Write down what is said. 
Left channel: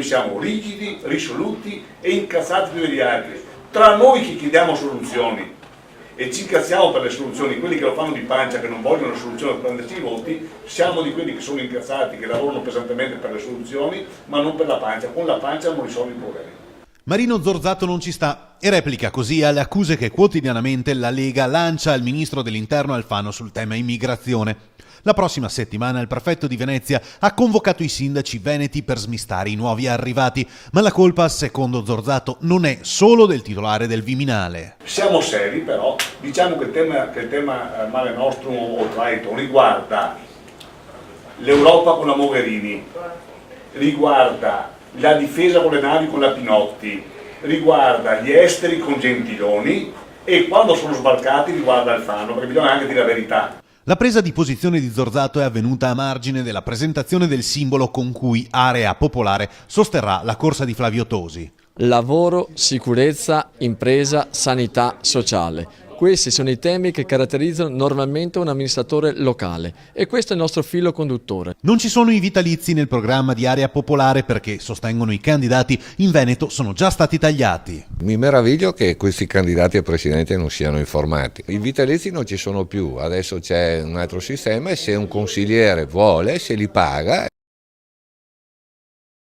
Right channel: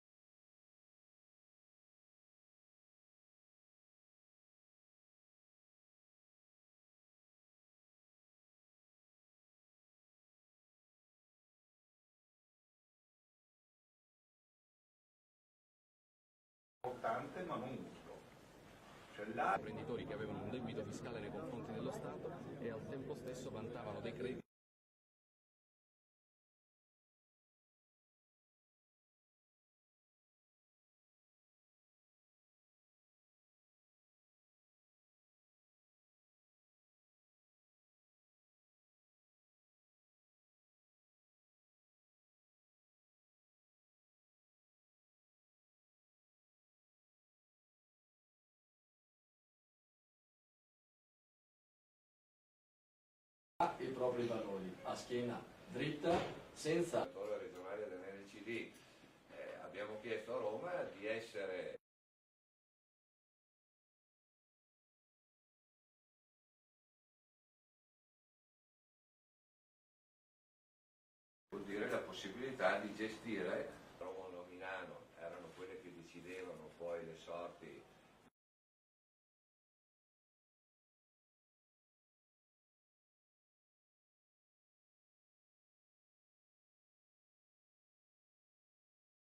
Noi siamo rigidi, risoluti e incazzati più degli altri. Tra noi che chiediamo soluzioni e ci incazziamo per le soluzioni, quelli che lo fanno di pancia, che non vogliono soluzioni per prenderci i voti, siamo di quelli che sono incazzati, che lavorano pesantemente per le soluzioni, ma non per la pancia. Con la pancia non risolvi i problemi. Marino Zorzato non ci sta e replica così alle accuse che quotidianamente la Lega lancia al ministro dell'Interno Alfano sul tema immigrazione. La prossima settimana il prefetto di Venezia ha convocato i sindaci veneti per smistare i nuovi arrivati, ma la colpa, secondo Zorzato, non è solo del titolare del Viminale. Siamo seri, però diciamo che il tema Mare Nostrum o Triton riguarda l'Europa con la Mogherini, riguarda la difesa con le navi con la Pinotti, riguarda gli esteri con Gentiloni e quando sono sbarcati riguarda Alfano, perché bisogna anche dire la verità. La presa di posizione di Zorzato è avvenuta a margine della presentazione del simbolo con cui Area Popolare sosterrà la corsa di Flavio Tosi. Lavoro, sicurezza, impresa, sanità, sociale. Questi sono i temi che caratterizzano normalmente un amministratore locale e questo è il nostro filo conduttore. Non ci sono i vitalizi nel programma di Area Popolare perché, sostengono i candidati, in Veneto sono già stati tagliati. Mi meraviglio che questi candidati a presidente non siano informati. I vitalizi non ci sono più, adesso c'è un altro sistema e se un consigliere vuole se li paga